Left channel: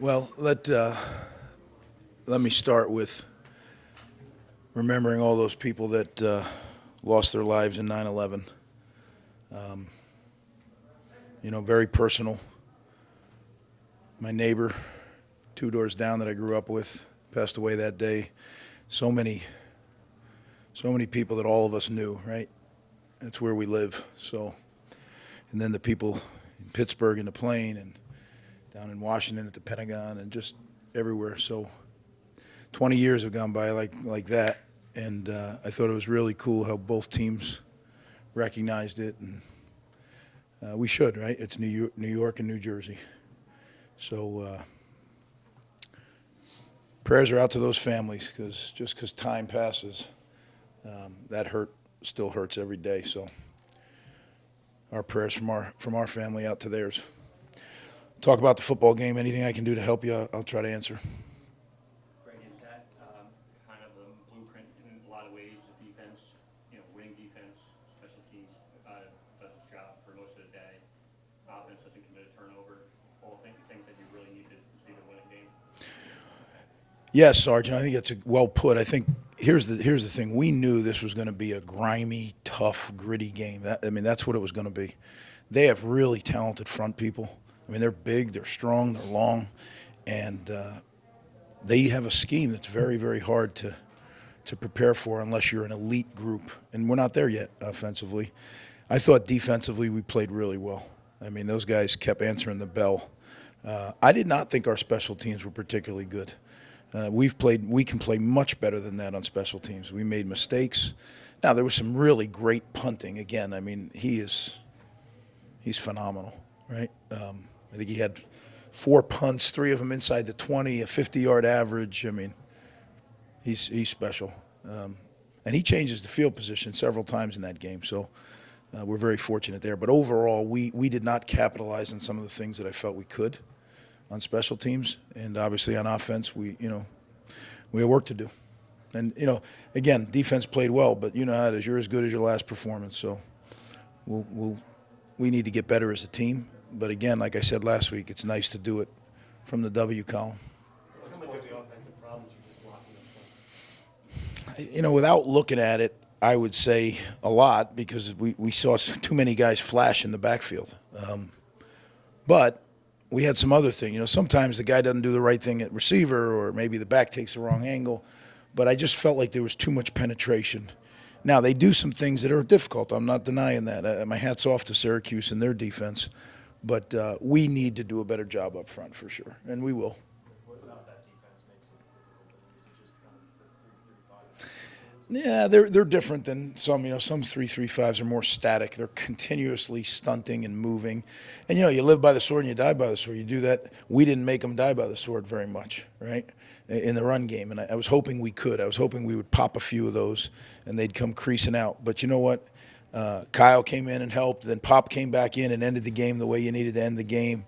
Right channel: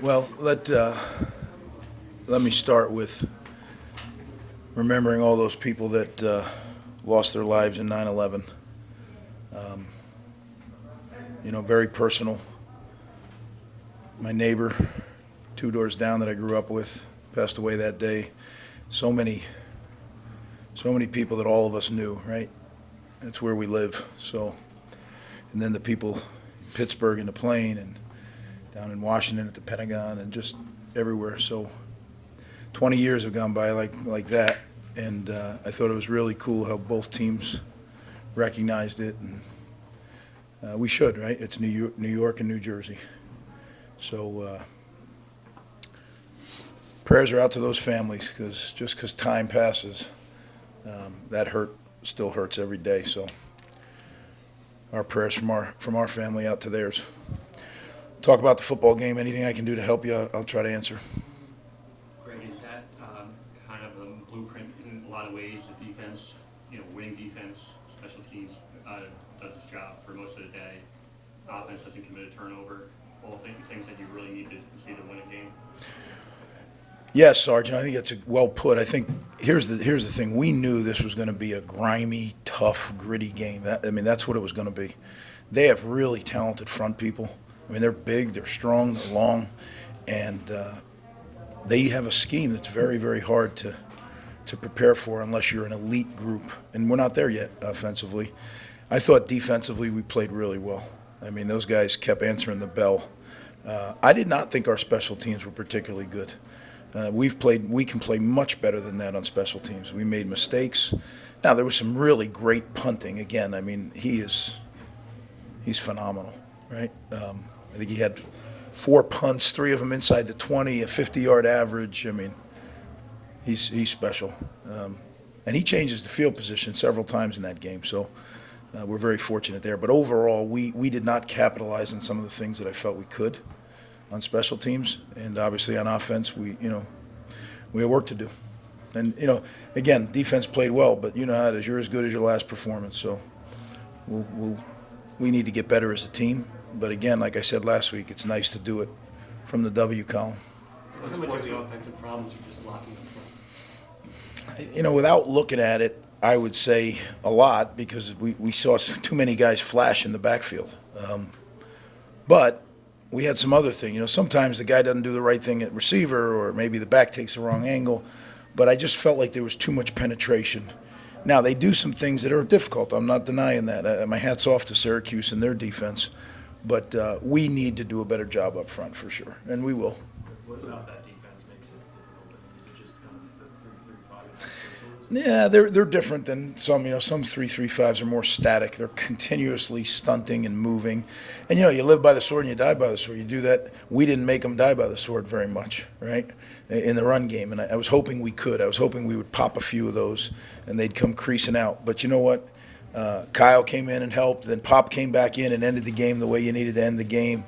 Well, let me start with remembering all those people that lost their lives in 9/11. Um, very personal. My neighbor, 2 doors down that I grew up with, passed away that day. So many, so many people that all of us knew, right? That's where we live. So, and then the people in Pittsburgh in the plane and down in Washington at the Pentagon and just everywhere. So 20 years have gone by like that, and I thought it was really cool how both teams recognized it, and we should, right? It's New York and New Jersey. So prayers are out to those families because just because time passes, that hurt still hurts every day. So our prayers from our family out to theirs. Talk about the football game. Anything I can do to help you, I'll try to answer. Greg, is that kind of a blueprint in a lot of ways? The defense, winning defense, special teams does its job for most of the day. Offense doesn't commit a turnover. All things that you really need to see to win a game. Yes, Sergeant. I think that's well put. I think here's the thing. We knew this was going to be a grimy, tough, gritty game. That's what it was going to be. They have really talented front people. They're big, they're strong, they're long, and they have a scheme that's very, very hard to prepare for unless you're an elite group. And we're not there yet offensively. I thought defensively we played really well. Those guys kept answering the bell. I did not think our special teams were particularly good. We can play much better than that on special teams. We made mistakes. Now, there was some really great punting. Again, he's phenomenal, right? I think he had 4 punts, 3 of them inside the 20, a 50-yard average. He's special. And he changes the field position several times in that game. So we're very fortunate there. But overall, we did not capitalize on some of the things that I felt we could on special teams. And obviously on offense, we have work to do. And, again, defense played well, but you know how it is. You're as good as your last performance. So we need to get better as a team. But again, like I said last week, it's nice to do it from the W column. How much of the offensive problems are just blocking in front? Without looking at it, I would say a lot because we saw too many guys flash in the backfield. But we had some other thing. Sometimes the guy doesn't do the right thing at receiver or maybe the back takes the wrong angle. But I just felt like there was too much penetration. Now, they do some things that are difficult. I'm not denying that. My hat's off to Syracuse and their defense. But we need to do a better job up front for sure, and we will. What about that defense makes it difficult? Is it just kind of the 3-3-5? Yeah, they're different than some. Some 3-3-5s are more static. They're continuously stunting and moving. And, you live by the sword and you die by the sword. You do that. We didn't make them die by the sword very much, right, in the run game. And I was hoping we could. I was hoping we would pop a few of those and they'd come creasing out. But you know what? Kyle came in and helped. Then Pop came back in and ended the game the way you needed to end the game.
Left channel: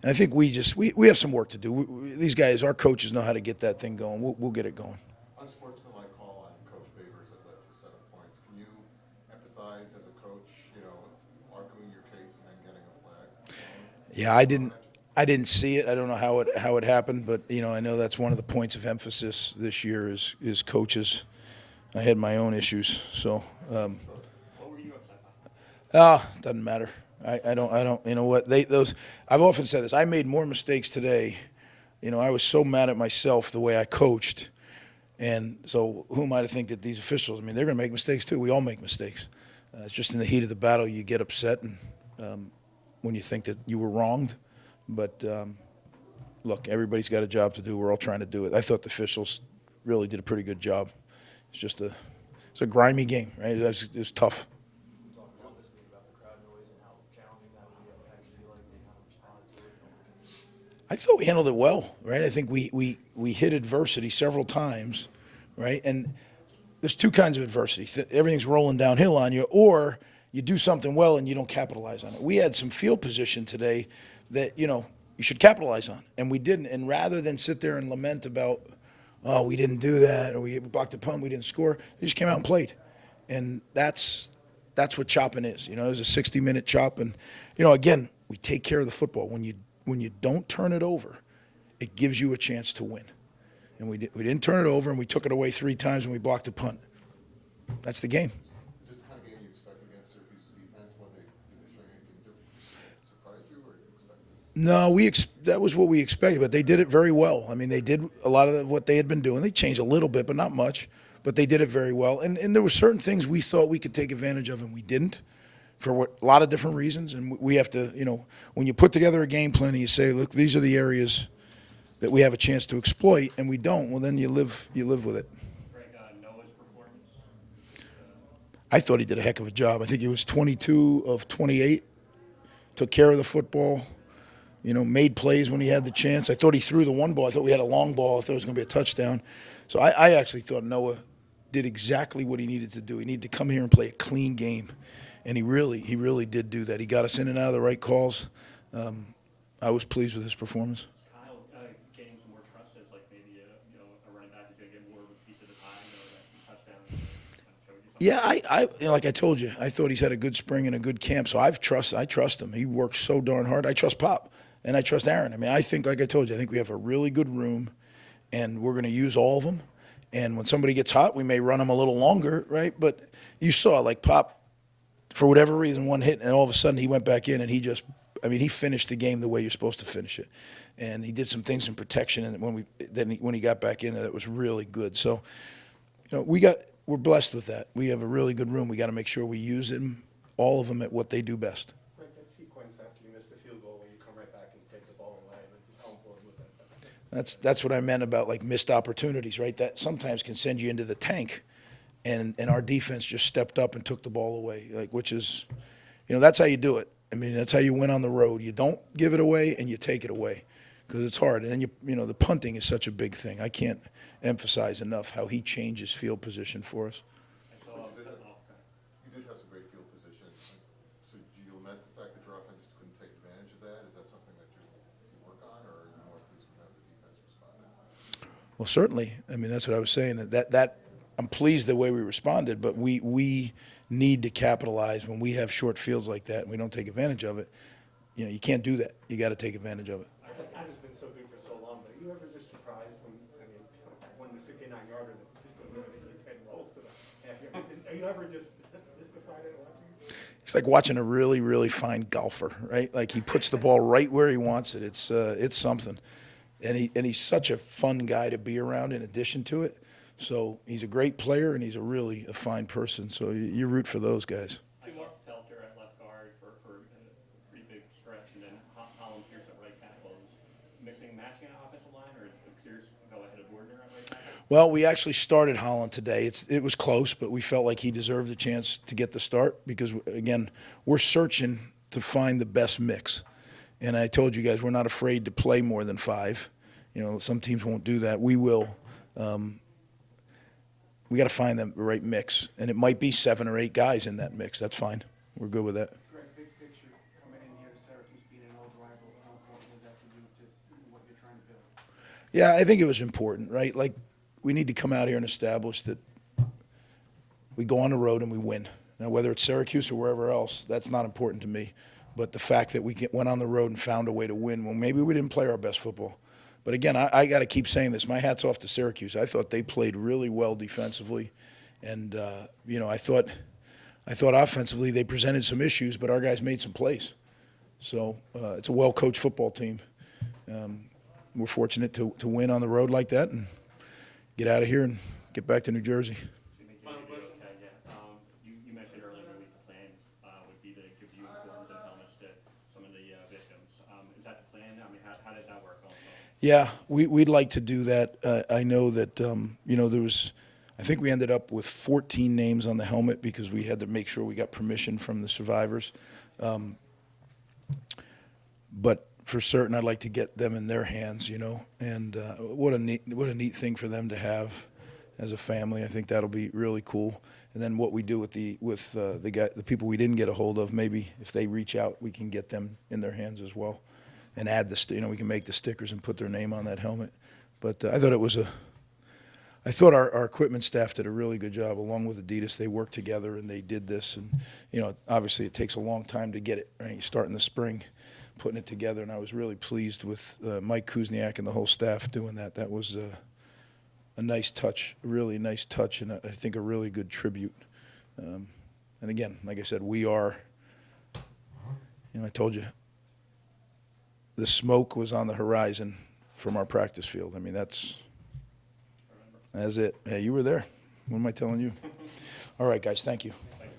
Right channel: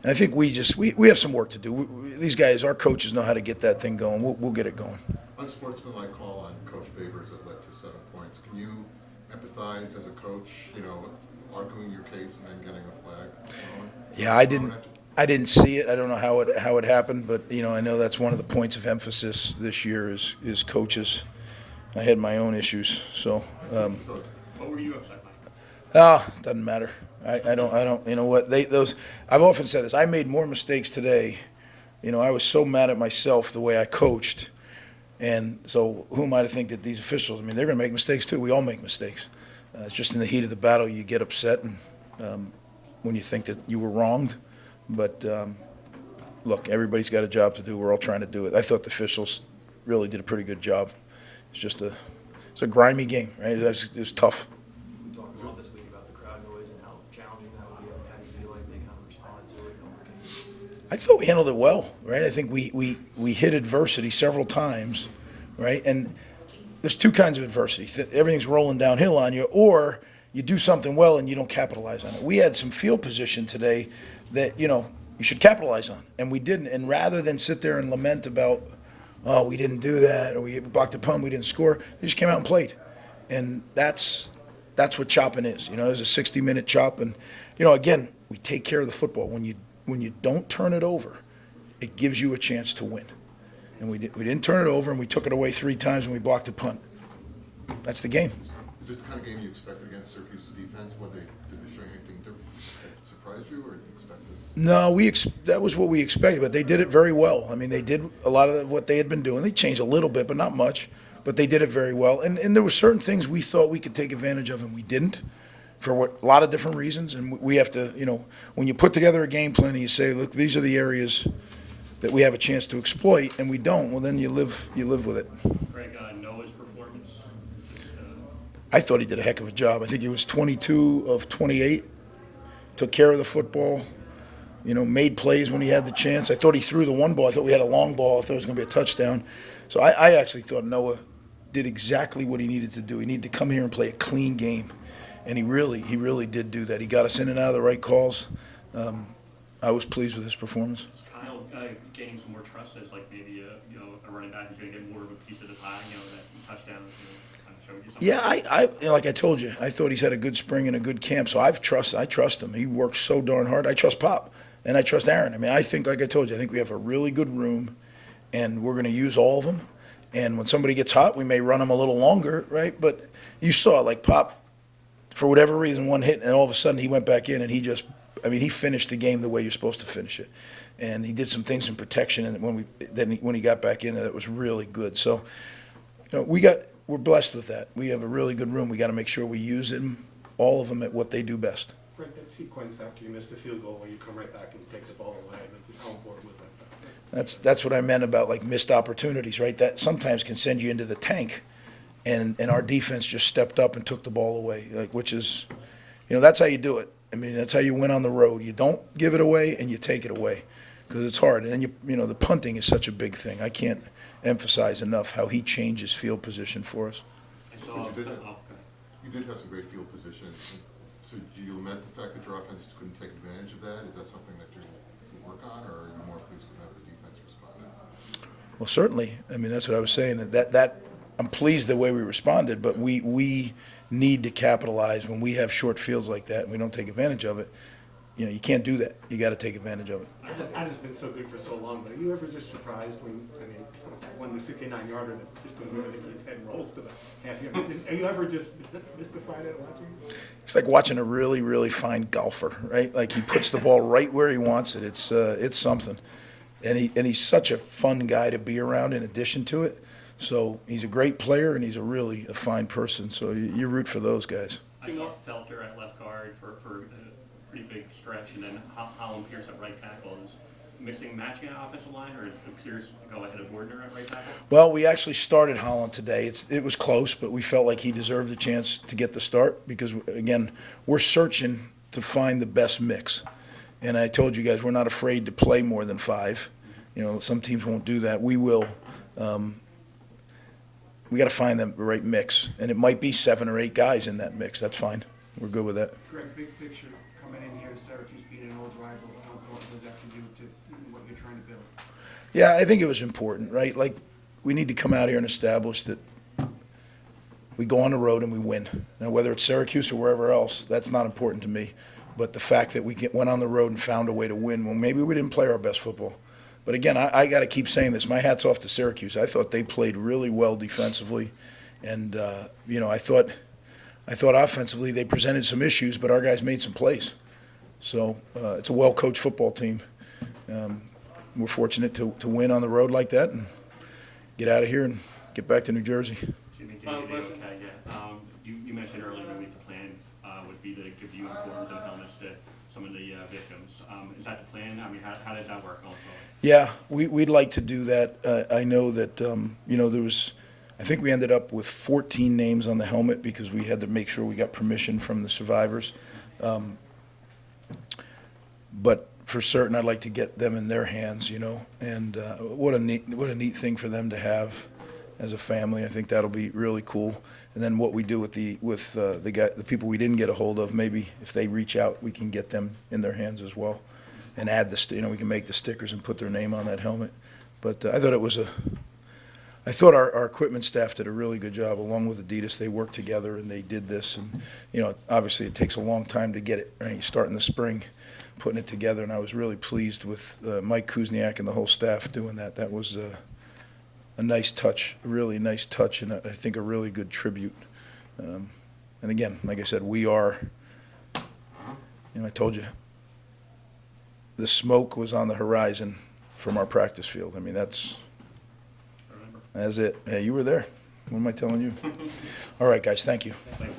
And I think we have some work to do. These guys, our coaches, know how to get that thing going. We'll get it going. Unsportsmanlike call on Coach Babers that led to 7 points. Can you empathize as a coach, arguing your case and then getting a flag? Yeah, I didn't see it. I don't know how it happened, but I know that's one of the points of emphasis this year is coaches. I had my own issues, so. What were you upset by? Doesn't matter. I don't. You know what? I've often said this. I made more mistakes today. I was so mad at myself the way I coached, and so who am I to think that these officials? They're going to make mistakes too. We all make mistakes. It's just in the heat of the battle you get upset, and when you think that you were wronged. But look, everybody's got a job to do. We're all trying to do it. I thought the officials really did a pretty good job. It's a grimy game, right? It was tough. We talked a lot this week about the crowd noise and how challenging that would be. How do you feel like they kind of responded to it? I thought we handled it well, right? I think we hit adversity several times, right? And there's 2 kinds of adversity. Everything's rolling downhill on you, or you do something well and you don't capitalize on it. We had some field position today that, you should capitalize on, and we didn't. And rather than sit there and lament about, oh, we didn't do that, or we blocked a punt, we didn't score, they just came out and played. And that's what chopping is. It was a 60-minute chop. And, again, we take care of the football. When you don't turn it over, it gives you a chance to win. And we didn't turn it over, and we took it away 3 times, and we blocked a punt. That's the game. Is this the kind of game you expected against Syracuse's defense? Did they show you anything different that surprised you, or did you expect this? No, that was what we expected, but they did it very well. I mean, they did a lot of what they had been doing. They changed a little bit, but not much. But they did it very well. And there were certain things we thought we could take advantage of, and we didn't, for a lot of different reasons. And we have to, when you put together a game plan and you say, look, these are the areas that we have a chance to exploit, and we don't, well, then you live with it. Greg, Noah's performance, I thought he did a heck of a job. I think he was 22 of 28, took care of the football, made plays when he had the chance. I thought he threw the one ball. I thought we had a long ball. I thought it was going to be a touchdown. So I actually thought Noah did exactly what he needed to do. He needed to come here and play a clean game, and he really did do that. He got us in and out of the right calls. I was pleased with his performance. is Kyle gaining some more trust as like maybe a running back who's going to get more of a piece of the pie, that touchdown, kind of showed you something? Yeah, like I told you, I thought he's had a good spring and a good camp, so I trust him. He works so darn hard. I trust Pop, and I trust Aaron. I mean, I think, like I told you, I think we have a really good room, and we're going to use all of them. And when somebody gets hot, we may run them a little longer, right? But you saw, like, Pop, for whatever reason, one hit, and all of a sudden he went back in, and he finished the game the way you're supposed to finish it. And he did some things in protection, and when he got back in, that was really good. So, we're blessed with that. We have a really good room. We got to make sure we use them, all of them, at what they do best. Greg, that sequence after you missed the field goal where you come right back and take the ball away, just how important was that? That's what I meant about, like, missed opportunities, right? That sometimes can send you into the tank, and our defense just stepped up and took the ball away, which is, that's how you do it. I mean, that's how you win on the road. You don't give it away, and you take it away, because it's hard. And then the punting is such a big thing. I can't emphasize enough how he changes field position for us. I saw. But you did Okay. You did have some great field position. So do you lament the fact that your offense couldn't take advantage of that? Is that something that you work on, or are you more pleased with how the defense responded? Well, certainly. I mean, that's what I was saying. That I'm pleased the way we responded, but we need to capitalize when we have short fields like that and we don't take advantage of it. You can't do that. You got to take advantage of it. That has been so good for so long, but are you ever just surprised when the 69-yarder that just goes right into his head and rolls to the half yard? Are you ever just mystified at watching? It's like watching a really, really fine golfer, right? Like, he puts the ball right where he wants it. It's something. And he's such a fun guy to be around in addition to it. So he's a great player, and he's a fine person. So you root for those guys. I saw Felter at left guard for a pretty big stretch, and then Holland Pierce at right tackle. Is matching an offensive line, or does Pierce go ahead of Gardner at right tackle? Well, we actually started Holland today. It was close, but we felt like he deserved a chance to get the start because, again, we're searching to find the best mix. And I told you guys we're not afraid to play more than 5. Some teams won't do that. We will. We got to find the right mix, and it might be 7 or 8 guys in that mix. That's fine. We're good with that. Greg, big picture, coming in here, Syracuse beat an old rival. How important was that to you to what you're trying to build? Yeah, I think it was important, right? Like, we need to come out here and establish that we go on the road and we win. Now, whether it's Syracuse or wherever else, that's not important to me. But the fact that we went on the road and found a way to win, well, maybe we didn't play our best football. But again, I got to keep saying this. My hat's off to Syracuse. I thought they played really well defensively, and I thought offensively they presented some issues, but our guys made some plays. So it's a well-coached football team. We're fortunate to win on the road like that and get out of here and get back to New Jersey. Jimmy, can you hear me okay? Yeah. You mentioned earlier maybe the plan would be to give uniforms and helmets to some of the victims. Is that the plan? I mean, how does that work going forward? Yeah, we'd like to do that. I know that, there was, I think we ended up with 14 names on the helmet because we had to make sure we got permission from the survivors. But for certain, I'd like to get them in their hands, and what a neat thing for them to have as a family. I think that'll be really cool. And then what we do with the people we didn't get a hold of, maybe if they reach out, we can get them in their hands as well. And add we can make the stickers and put their name on that helmet. But I thought our equipment staff did a really good job along with Adidas. They worked together and they did this. And, obviously it takes a long time to get it, right? You start in the spring. putting it together, and I was really pleased with Mike Kuzniak and the whole staff doing that. That was a nice touch, a really nice touch, and I think a really good tribute. And again, like I said, we are, I told you, the smoke was on the horizon from our practice field. I mean, that's it. Hey, you were there. What am I telling you? All right, guys, thank you. Thank you.